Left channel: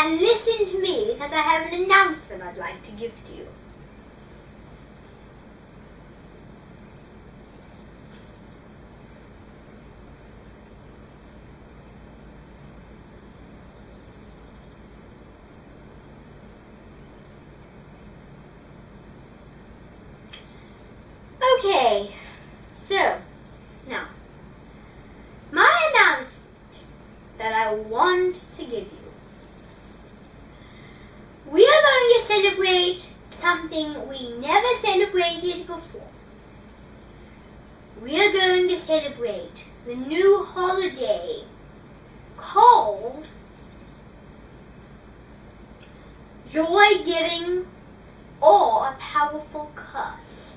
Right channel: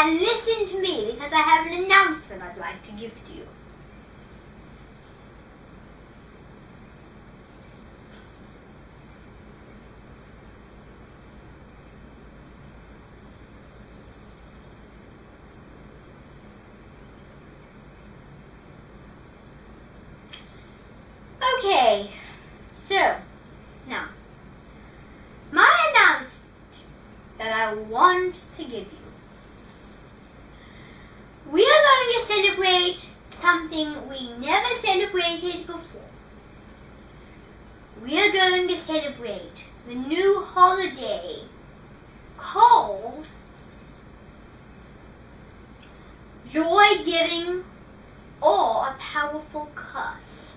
and listen to me because I have an announcement I'd like to give to you. Okay, so, now, my announcement that I want to give you. We are going to celebrate something we never celebrated before. We are going to celebrate the new holiday called Joy Giving or a Powerful Curse.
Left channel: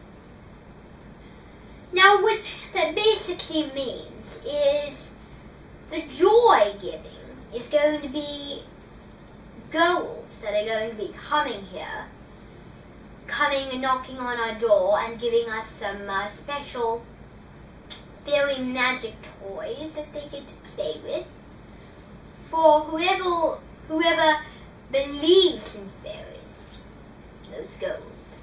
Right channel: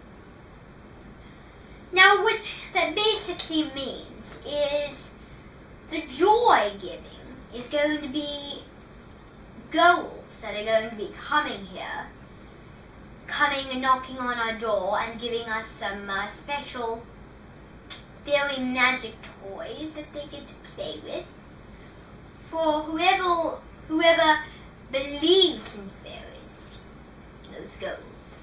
Now, what that basically means is the joy giving is going to be ghosts that are going to be coming here, coming and knocking on our door and giving us some special fairy magic toys that they get to play with for whoever believes in fairies, those ghosts.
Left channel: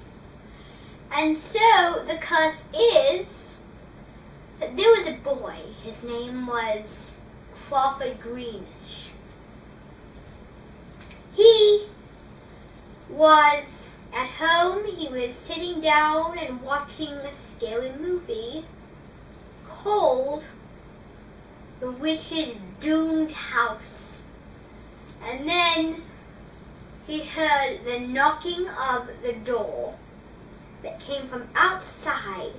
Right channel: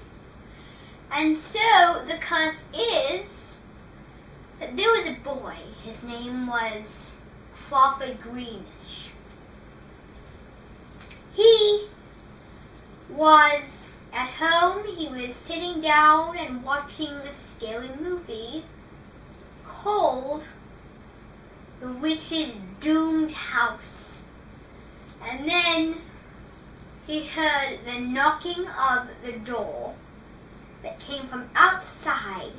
And so the curse is that there was a boy, his name was Crawford Greenish. He was at home, he was sitting down and watching a scary movie called The Witch's Doomed House. And then he heard the knocking of the door that came from outside,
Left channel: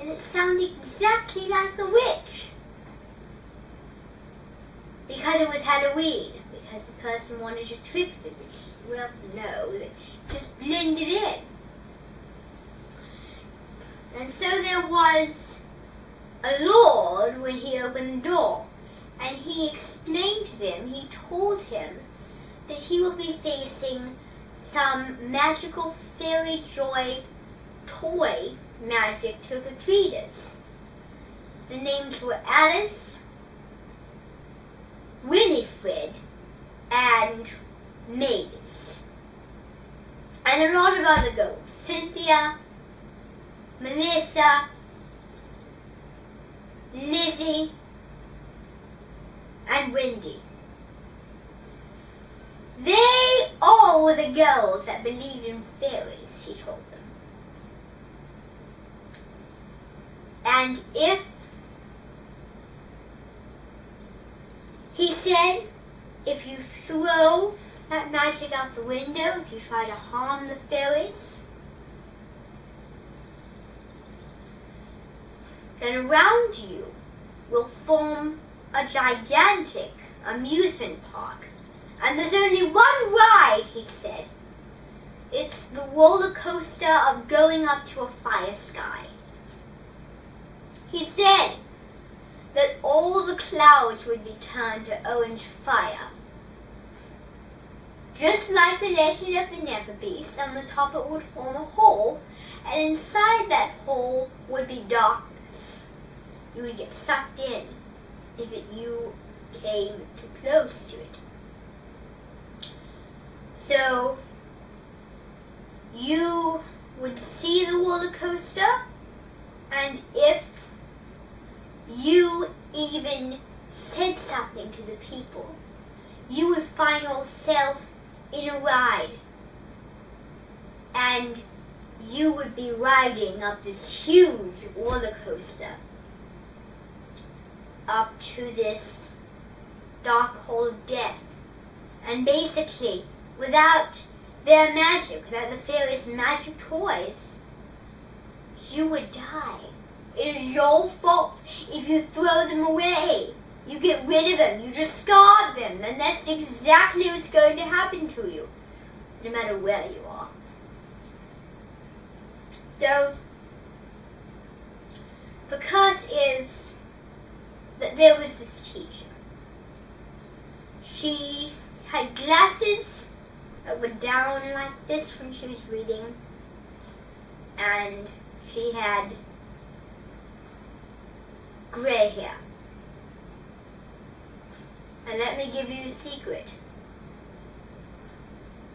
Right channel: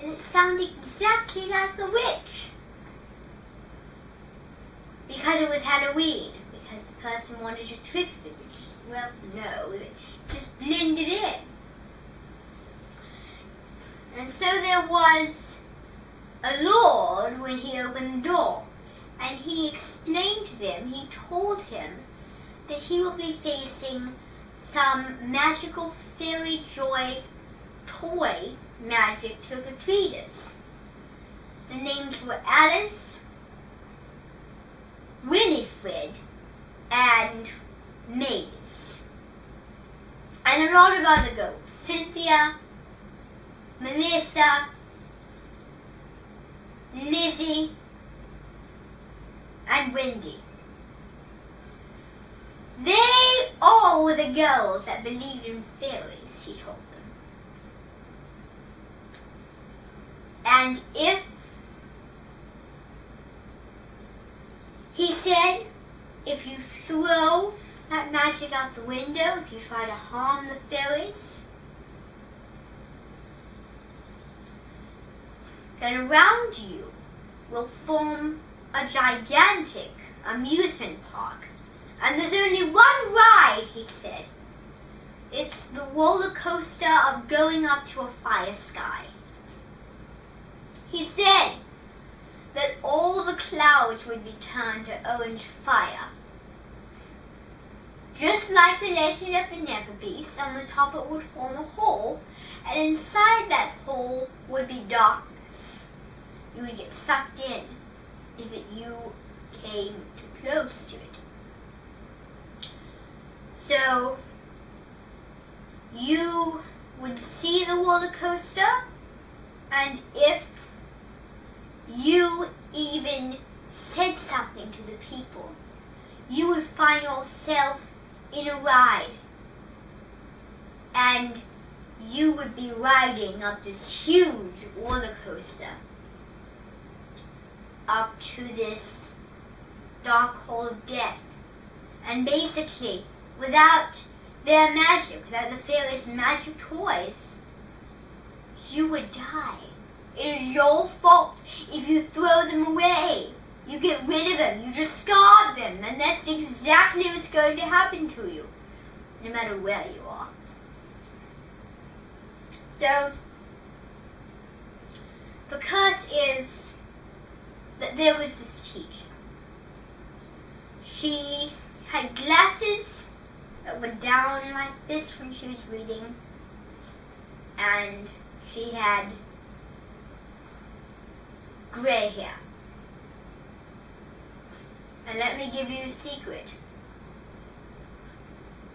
and it sounded exactly like the witch. Because it was Halloween, because the person wanted to trick the witch. Well, no, they just blended in. And so there was a lord when he opened the door, and he explained to them, he told him that he would be facing some magical fairy joy toy magic trick-or-treaters. The names were Alice, Winifred, and Mavis. And a lot of other ghosts. Cynthia, Melissa, Lizzie, and Wendy. They all were the girls that believed in fairies, he told them. And he said, if you throw that magic out the window, if you try to harm the fairies, then around you will form a gigantic amusement park. And there's only one ride, he said. It's the roller coaster of going up to a fire sky. He said that all the clouds would be turned to orange fire. Just like the legend of the Never Beast, on the top it would form a hole, and inside that hole would be darkness. You would get sucked in if you came too close to it. So you would see the roller coaster, and if you even said something to the people, you would find yourself in a ride, and you would be riding up this huge roller coaster up to this dark hole of death. And basically, without their magic, without the fairies' magic toys, you would die. It is your fault if you throw them away. You get rid of them, you discard them, and that's exactly what's going to happen to you, no matter where you are. So, the curse is that there was this teacher. She had glasses that were down like this when she was reading, and she had gray hair. And let me give you a secret.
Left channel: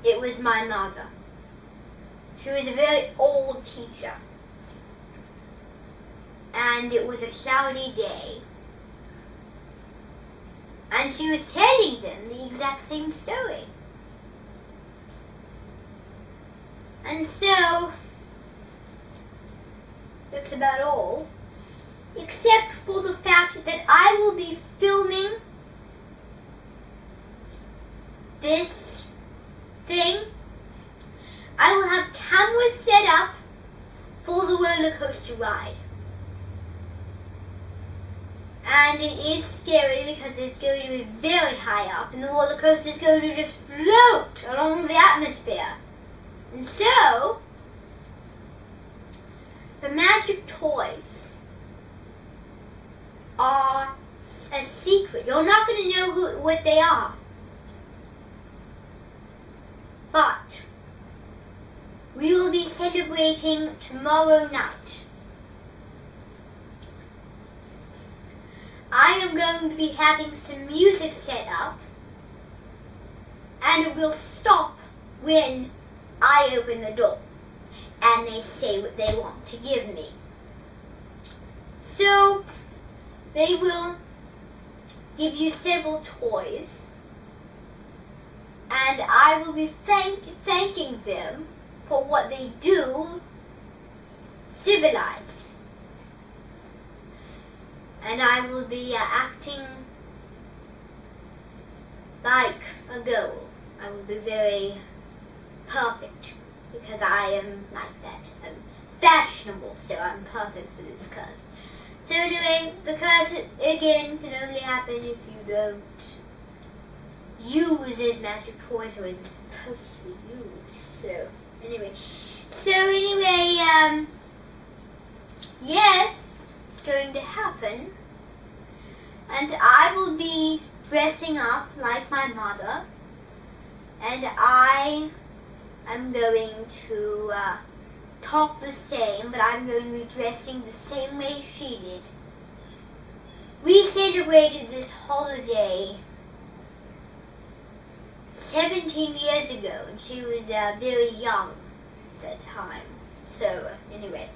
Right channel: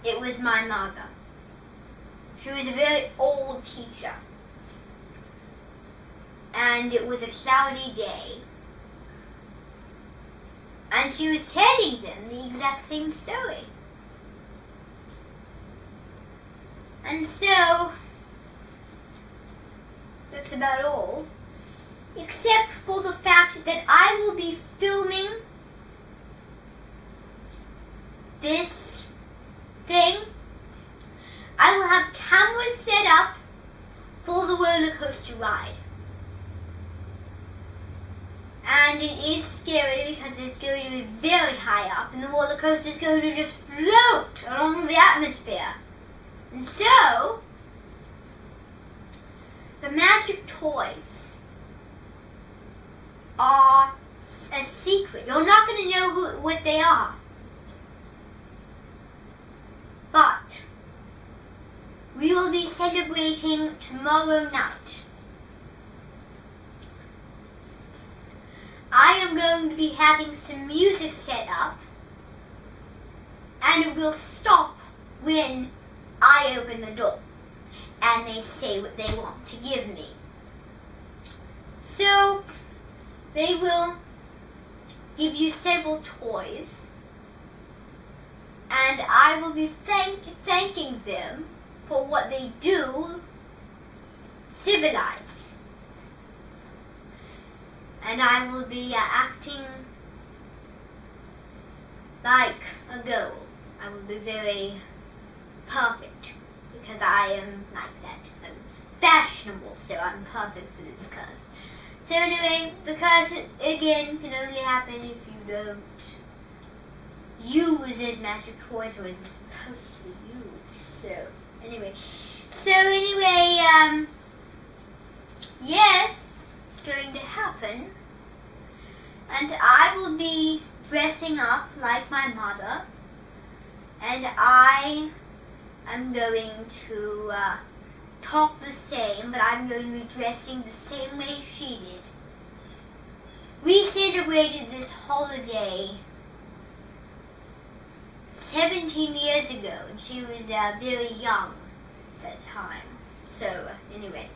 it was my mother. She was a very old teacher. And it was a cloudy day. And she was telling them the exact same story. And so, that's about all. Except for the fact that I will be filming this thing. I will have cameras set up for the roller coaster ride. And it is scary because it's going to be very high up and the roller coaster is going to just float along the atmosphere. And so, the magic toys are a secret. You're not going to know what they are. But we will be celebrating tomorrow night. I am going to be having some music set up, and it will stop when I open the door and they say what they want to give me. So they will give you several toys, and I will be thanking them for what they do civilized. And I will be acting like a girl. I will be very perfect because I am like that. I'm fashionable, so I'm perfect for this curse. So anyway, the curse again can only happen if you don't use it magic toys or it's supposed to be used. So anyway, yes, it's going to happen, and I will be dressing up like my mother, and I am going to talk the same, but I'm going to be dressing the same way she did. We celebrated this holiday 17 years ago, and she was very young at that time. So anyway,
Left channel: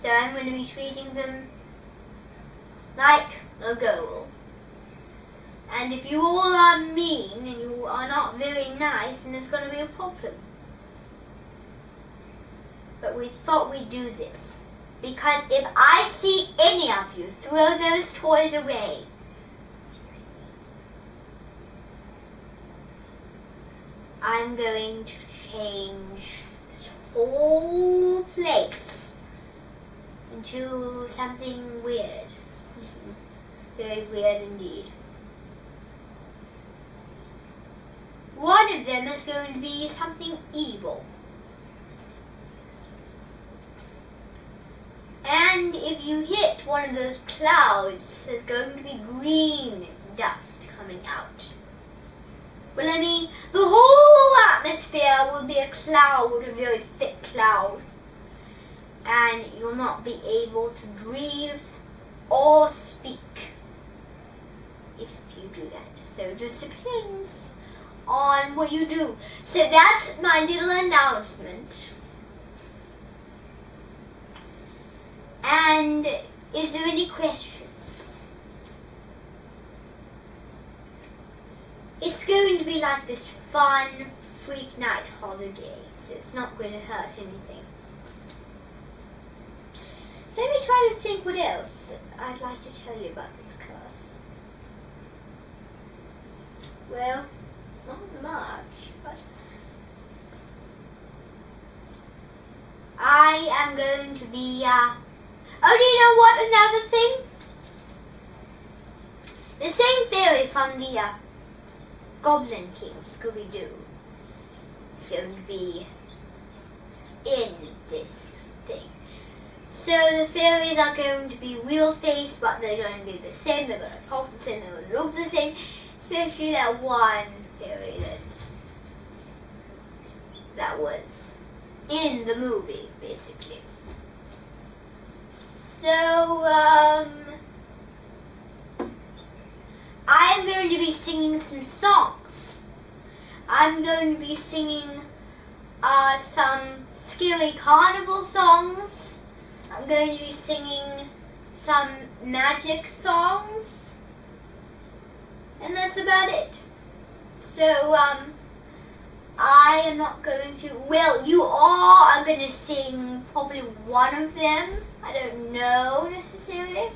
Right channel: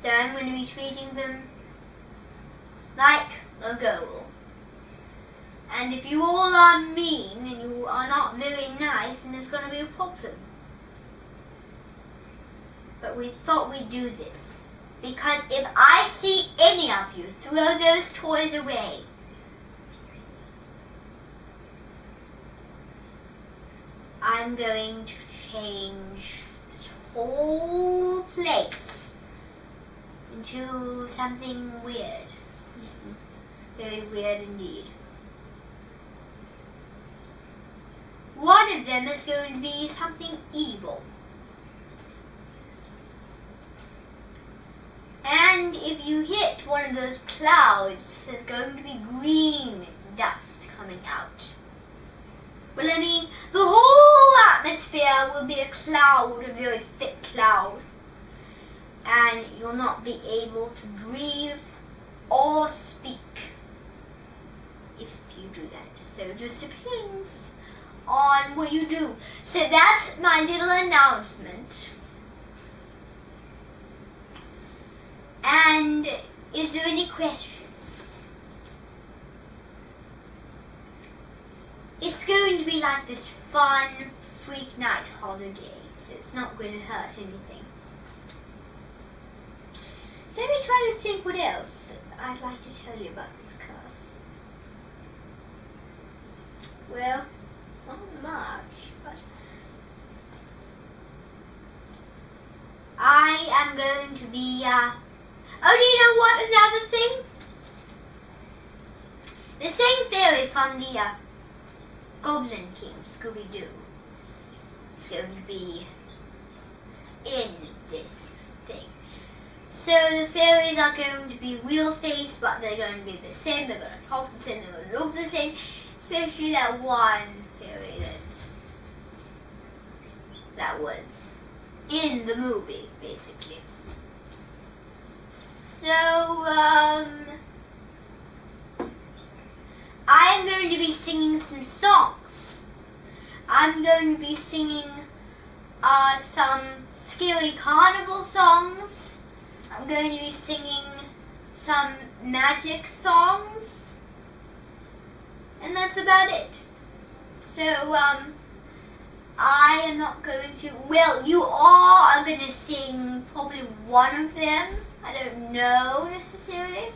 so I'm going to be treating them like a girl. And if you all are mean and you are not very nice, then there's going to be a problem. But we thought we'd do this, because if I see any of you throw those toys away, I'm going to change this whole place into something weird. Very weird indeed. One of them is going to be something evil. And if you hit one of those clouds, there's going to be green dust coming out. Well, I mean, the whole atmosphere will be a cloud, a very thick cloud. And you'll not be able to breathe or speak if you do that. So it just depends on what you do. So that's my little announcement. And is there any questions? It's going to be like this fun freak night holiday. So it's not going to hurt anything. Let me try to think what else I'd like to tell you about this curse. Well, not much, but I am going to be, oh, do you know what, another thing? The same theory from the, Goblin King, Scooby-Doo, is going to be in this thing. So the fairies are going to be real-faced, but they're going to be the same, they're going to talk the same, they're going to look the same, especially that one fairy that was in the movie, basically. So, I am going to be singing some songs. I'm going to be singing some scary carnival songs. I'm going to be singing some magic songs. And that's about it. So, I am not going to, well, you all are going to sing probably one of them. I don't know necessarily.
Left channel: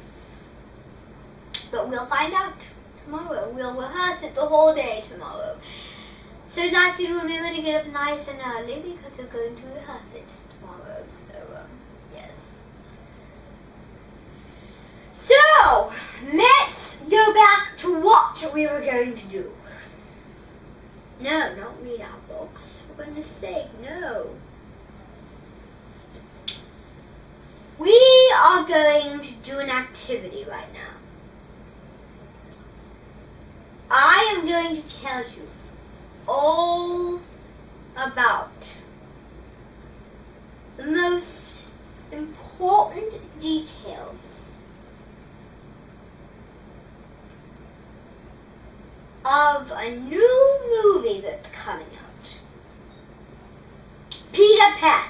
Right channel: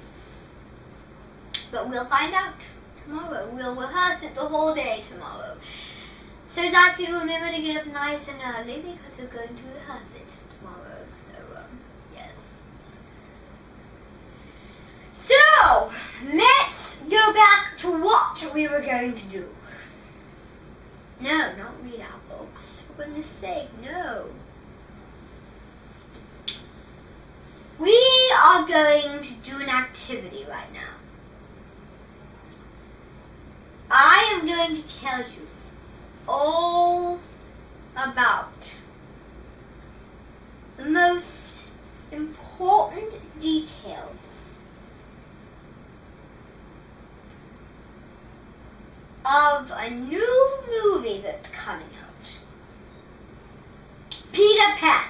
But we'll find out tomorrow. We'll rehearse it the whole day tomorrow. So that you remember to get up nice and early because we're going to rehearse it tomorrow. So, yes. So, let's go back to what we were going to do. No, not read our books. For goodness sake, no. We are going to do an activity right now. I am going to tell you all about the most important details of a new movie that's coming out. Peter Pan.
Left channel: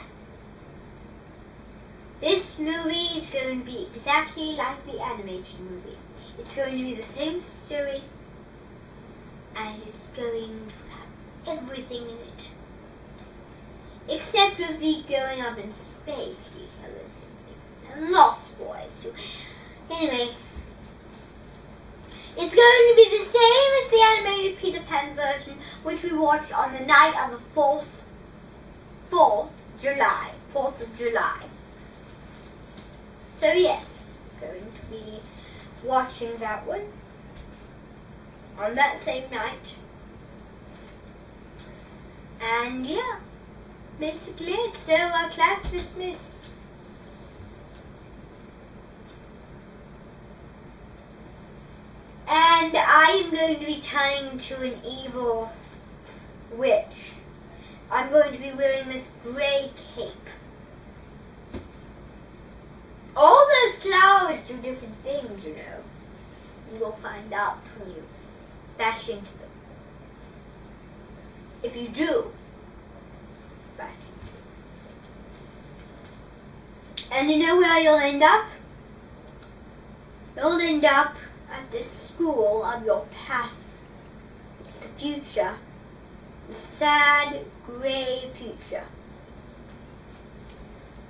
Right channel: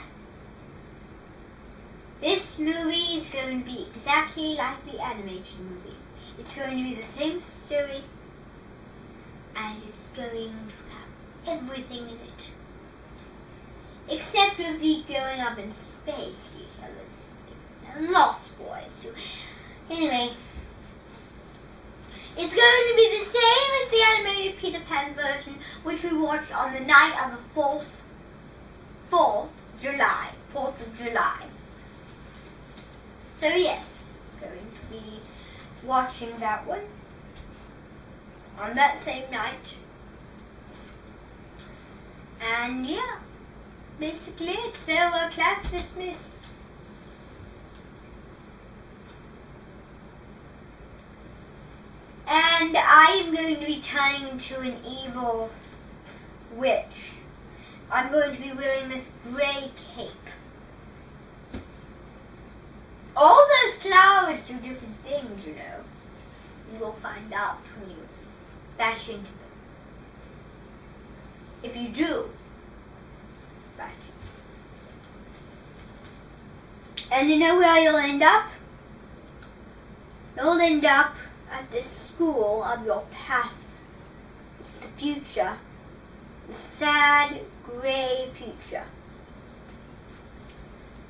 This movie is going to be exactly like the animated movie. It's going to be the same story, and it's going to have everything in it. Except for the going up in space details and Lost Boys too. Anyway, it's going to be the same as the animated Peter Pan version, which we watched on the night of the 4th of July. So yes, going to be watching that one on that same night. And yeah, basically it's so class dismissed. And I am going to be turning into an evil witch. I'm going to be wearing this gray cape. All those flowers do different things, you know. You'll find out when you bash into them. If you do, bash into them. And you know where you'll end up? You'll end up at this school of your past. It's the future. The sad, gray future.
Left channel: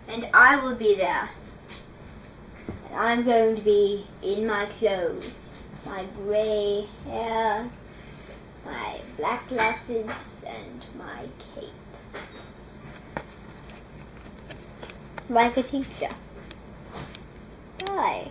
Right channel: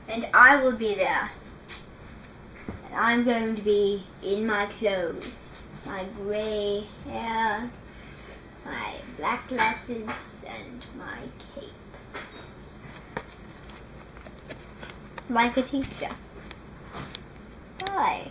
And I will be there. And I'm going to be in my clothes. My gray hair, my black glasses, and my cape. Like a teacher. Why?